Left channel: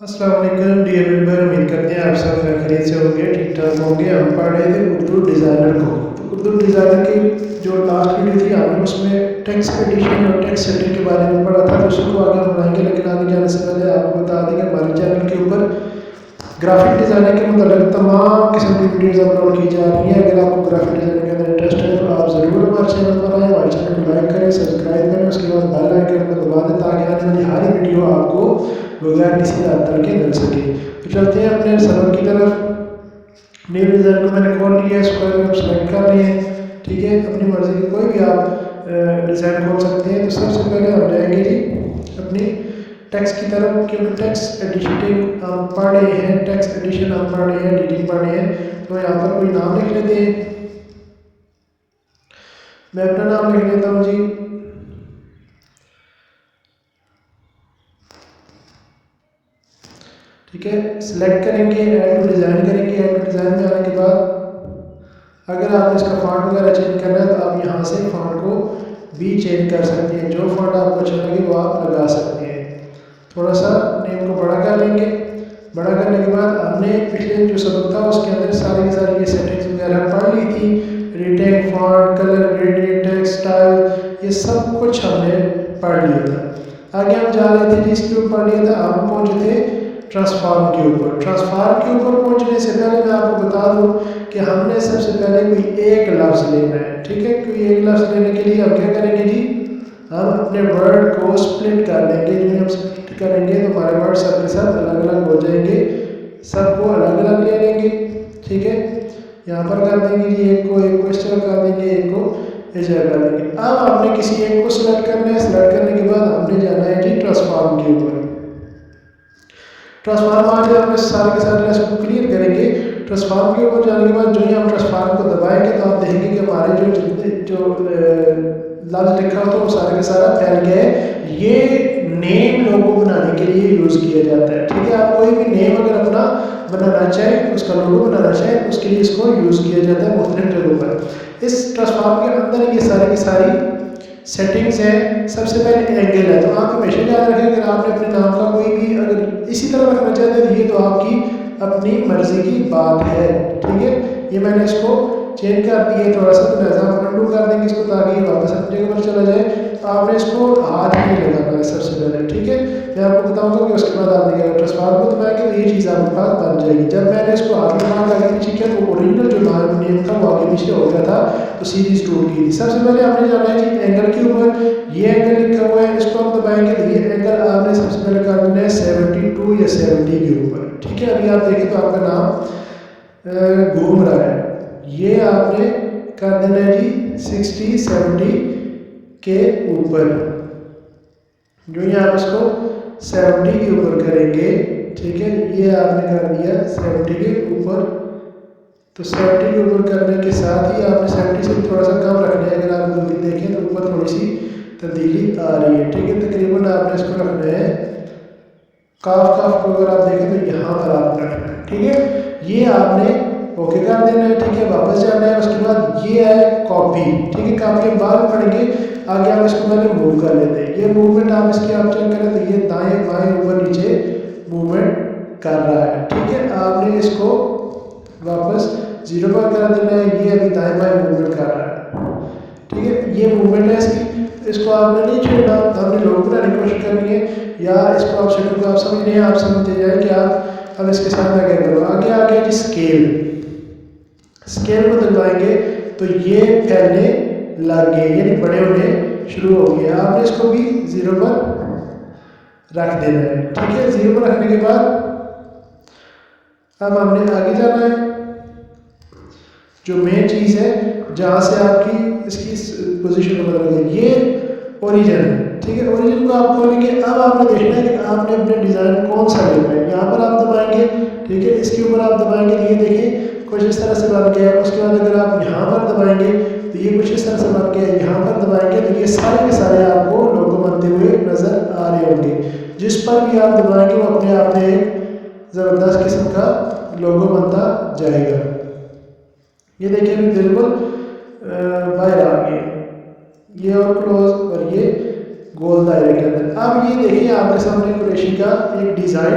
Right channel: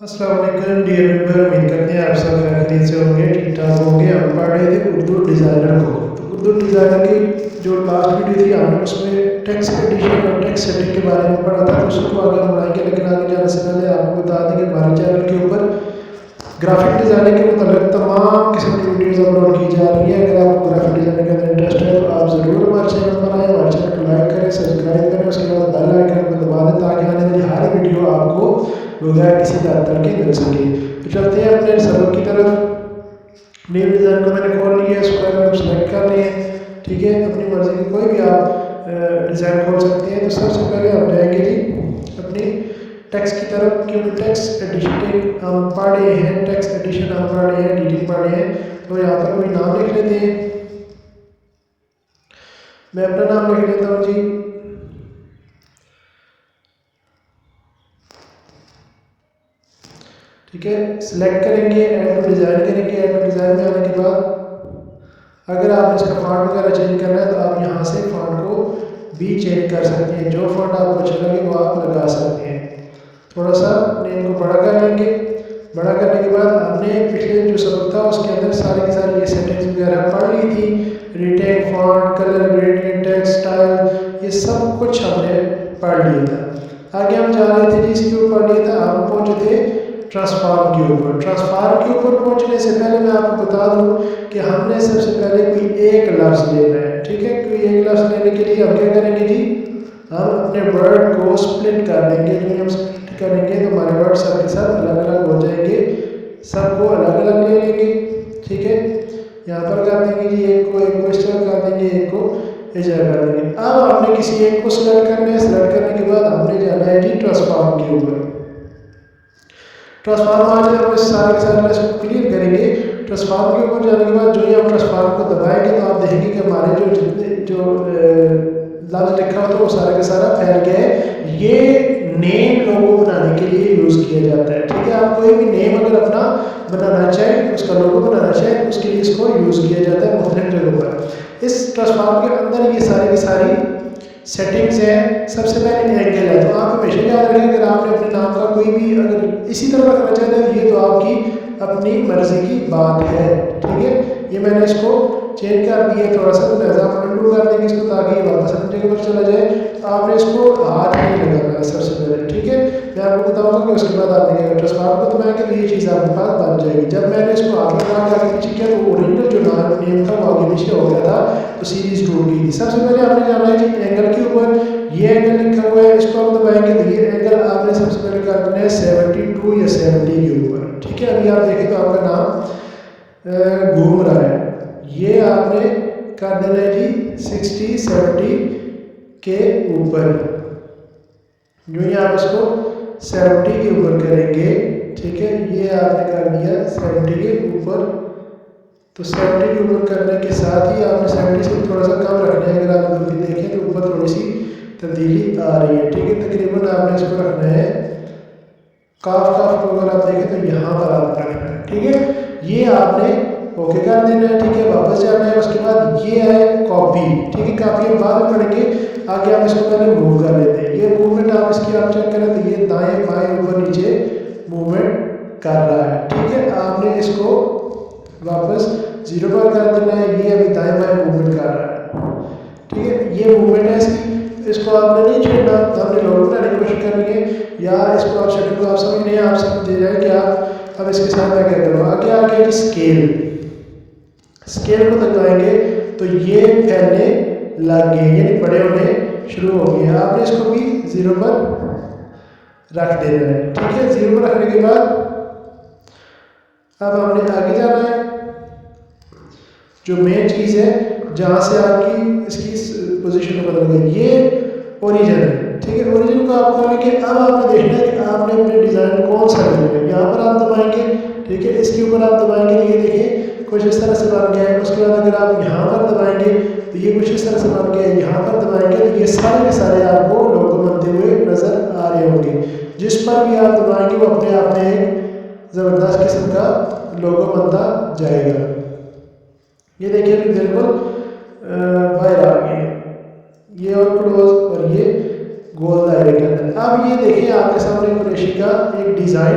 अस्सलाम वालेकुम dear member, उम्मीद करते हैं आप सब खैर खैरियत से होंगे, ठीक ठाक होंगे। हम पढ़ रहे थे उर्दू डिज़ाइनर को। तो उर्दू डिज़ाइनर की जो लास्ट वीडियो थी हमने उसमें टेक्स्ट एडिशन और टेक्स्ट सेटिंग के बारे में पढ़ा था, तो उसी को आगे हम बढ़ाएंगे। लेकिन आगे जाने से पहले आपको बता दें कि हमारे चैनल के ऊपर ग्राफिक डिज़ाइनिंग के मतलब तमाम किस्म की वीडियोज़ अपलोड की जा रही हैं। अगर आपको ग्राफिक डिज़ाइनिंग के अंदर इंटरेस्ट है तो आप ज़रूर हमारे चैनल पर आएँ, हमारे चैनल को लाइक करें, सब्सक्राइब करें, उसके बाद बेल आइकन को दबा दें ताकि आने वाली हर वीडियो आपको बगैर किसी तातल के मिल सके। तो चलते हैं अपने सबक की तरफ। न्यू डिज़ाइन को मैंने खोल लिया है, स्क्वायर में सेलेक्ट कर लिए हैं, ठीक है। अपनी मर्ज़ी की कोई भी आप डिज़ाइन खोल सकते हैं। तो सबसे पहले हम जाएंगे जी अपनी टेक्स्ट की तरफ, क्योंकि टेक्स्ट एडिटिंग हम पढ़ रहे हैं, टेक्स्ट एडिशन हम पढ़ रहे हैं, एडिटिंग पढ़ रहे हैं। तो यहाँ पर कोई नाम लिख लेते हैं। मैं अपना नाम लिख लेता हूँ जी, ठीक है। सिलेक्ट करेंगे, ऐड टू डिज़ाइन करेंगे। ऐड टू डिज़ाइन में आने के बाद अगर आपने इसका फॉन्ट वगैरह चेंज करना है तो आप यहाँ से फॉन्ट को भी चेंज कर सकते हैं। जो फॉन्ट आपको अच्छा लगे वो आप लगा सकते हैं। थोड़ा सा नेम को बड़ा कर लेंगे। बड़ा करने के बाद हमने पिछले जो सबक था उसके अंदर सारी की सारी ये सेटिंग्स वगैरह पढ़ ली थी। Retake, font, colour gradient, text style, ये सब कुछ हमने पढ़ लिया था। आगे हम जा रहे थे जी, इसके ऊपर पढ़ लिया था। हम पहुँचे थे ट्रांसफॉर्म के ऊपर। ट्रांसफॉर्म के ऊपर पहुंचने से पहले मैं आपको बता दूं कि हमने सबसे पहले कोई एक लफ्ज़ लेना है, ठीक है। कोई एक लफ्ज़ लेने के लिए हम क्या करेंगे जी, हम अपने वर्ड को स्प्लिट कर लेंगे। जो हम स्प्लिट करेंगे तो हमारे वर्ड सबके सब अलग अलग हो जाएंगे, सबको अलग अलग ले लेंगे, ठीक है। यहाँ पर कर देंगे जी एक को इस जगह कर देंगे, एक को इस जगह कर देंगे। अब हमने किसी एक को सिलेक्ट करना है। सिलेक्ट करने के बाद हमने जाना है जी ट्रांसफॉर्म के ऊपर। ट्रांसफॉर्म आज हम इस सारे के सारे लेसन को क्लियर करेंगे। ट्रांसफॉर्म के ऊपर जाने के बाद जो ही हम ट्रांसफॉर्म को दबाएंगे तो आप देखेंगे कि हमारे जो जितने जो लफ्ज़ लिखा होता है वो सारा का सारा फैल गया है। ये नेम लोगो बनाने के लिए यूज़ किया जाता है, ठीक है। आप कोई भी नेम अगर अपना बनाना चाहें, उसका लोगो बनाना चाहें, उसके लिए इसको यूज़ किया जाता है मुख्तलिफ जगहों पर। इस ट्रांसफॉर्म के अंदर ये सारी की सारी सेटिंग्स है। सबसे पहले एंगल है, तो आप हमेशा याद रखें अगर आपने अपने नाम का कोई भी अगर इसी तरह रखना चाहते हैं तो ये तो आपकी अपनी मर्ज़ी की बात है, ठीक है। ये मैंने इसको चेंज कर दिया थोड़ा सा, तो लिहाजा आप अंडू कर देंगे इसको ताकि ये वापस अपनी जगह पर चला जाए। तो आपने इसको हाथ नहीं लगाना है सबसे पहले, ठीक है। मैं आपको बताऊंगा कि उसके बाद आपने क्या ट्रांसफॉर्म को दबाएंगे तो ये चीज़ आपके पास बन जाएगी। जब मैंने इसको हाथ लगा के आगे पीछे किया तो ओरिजिनल जो नेम था वो आगे पीछे हो गया था, तो सीरीज़ टूट गई थी। सबसे पहले आपने जाना है जी एंगल के ऊपर। ये एंगल लिखा हुआ है, इसको आप दबाएंगे तो ये एंगल आपने सबसे पहले कर देना है 72 या 70 के ऊपर, ठीक है। अभी आप देखें तो आपका नाम घूम रहा है, ये आपने कर देना है जी 60-70 के ऊपर। जो ही आप इसको 70 के ऊपर करेंगे, ठीक है, ये आपने कर दिया 70 के ऊपर। तो 70 के ऊपर करने के साथ ही आपने 70 से थोड़ा सा कम रखना है। अगर आप देखें तो ऊपर थोड़ी सी तब्दीली आ रही है, ठीक है। तकरीबन आपने इसको रखना है काफ को अगर आप देखें तो यहाँ पर आपने रखना है, ठीक है। ये आपने ओके कर देना है, ठीक है। वापस जाना है। उसके बाद ये है कॉपी, ठीक है। कॉपी हम बाद में पढ़ेंगे। आगे आप इसको पहले मूव कर लेते हैं। ये मूवमेंट आप इसकी आप चेक करें तो ये दाएं बाएं ऊपर नीचे मूवमेंट कर रहा है, ठीक है। आपने इसको वापस 0 पर कर देना है। ये अभी दाएं बाएं मूवमेंट कर रहा है, ठीक है। ये मूवमेंट है इसकी, इसको आपने नहीं छेड़ना, हमने लोगो बनाने की कोशिश करनी है। या इसको आप सेटिंग को आप समझ नहीं है, आप समझते जाए कि आप अब इसके साथ मैं क्या करूँ। आगे आ गया जी स्केल। स्केल को दबाएंगे तो ये फैलने लग गए, यानी बड़े होने शुरू हो गए। आपने इसको भी 0 पर रख देना है, ठीक है। 0 पर रखने के बाद अब हमने आगे जाना है। जो मेन चीज़ है जहाँ से आपकी इसकी पोजीशन को बदल गई, ये ओरिजिन है, ठीक है। ओरिजिन को आप खोलेंगे। अब आपने देखना है कि आपने अपने डिज़ाइन कौन सा लेना है। यहाँ पर आप दबाएंगे, ठीक है। इसके ऊपर आप दबाएंगे तो ये देखें कुछ इस तरह से बन गया है। उसके बाद अगर आप यहाँ पर दबाएंगे तो ये कुछ इस तरह से बन गया है। यहाँ पर दबाएंगे तो ये सारे के सारे आपको लोगो बनते हुए नज़र आ रहे होंगे। जिस पर भी आप दबाएंगे वो अपने आप में एक ज़बरदस्त किस्म का लोगो बनता जाएगा। ये देखिए अभी बिल्कुल बाहर आ गए, ये और क्लोज और ये गोल दायरे के अंदर। अब ये देखिए आपके सामने कुरैशी का एक डिज़ाइन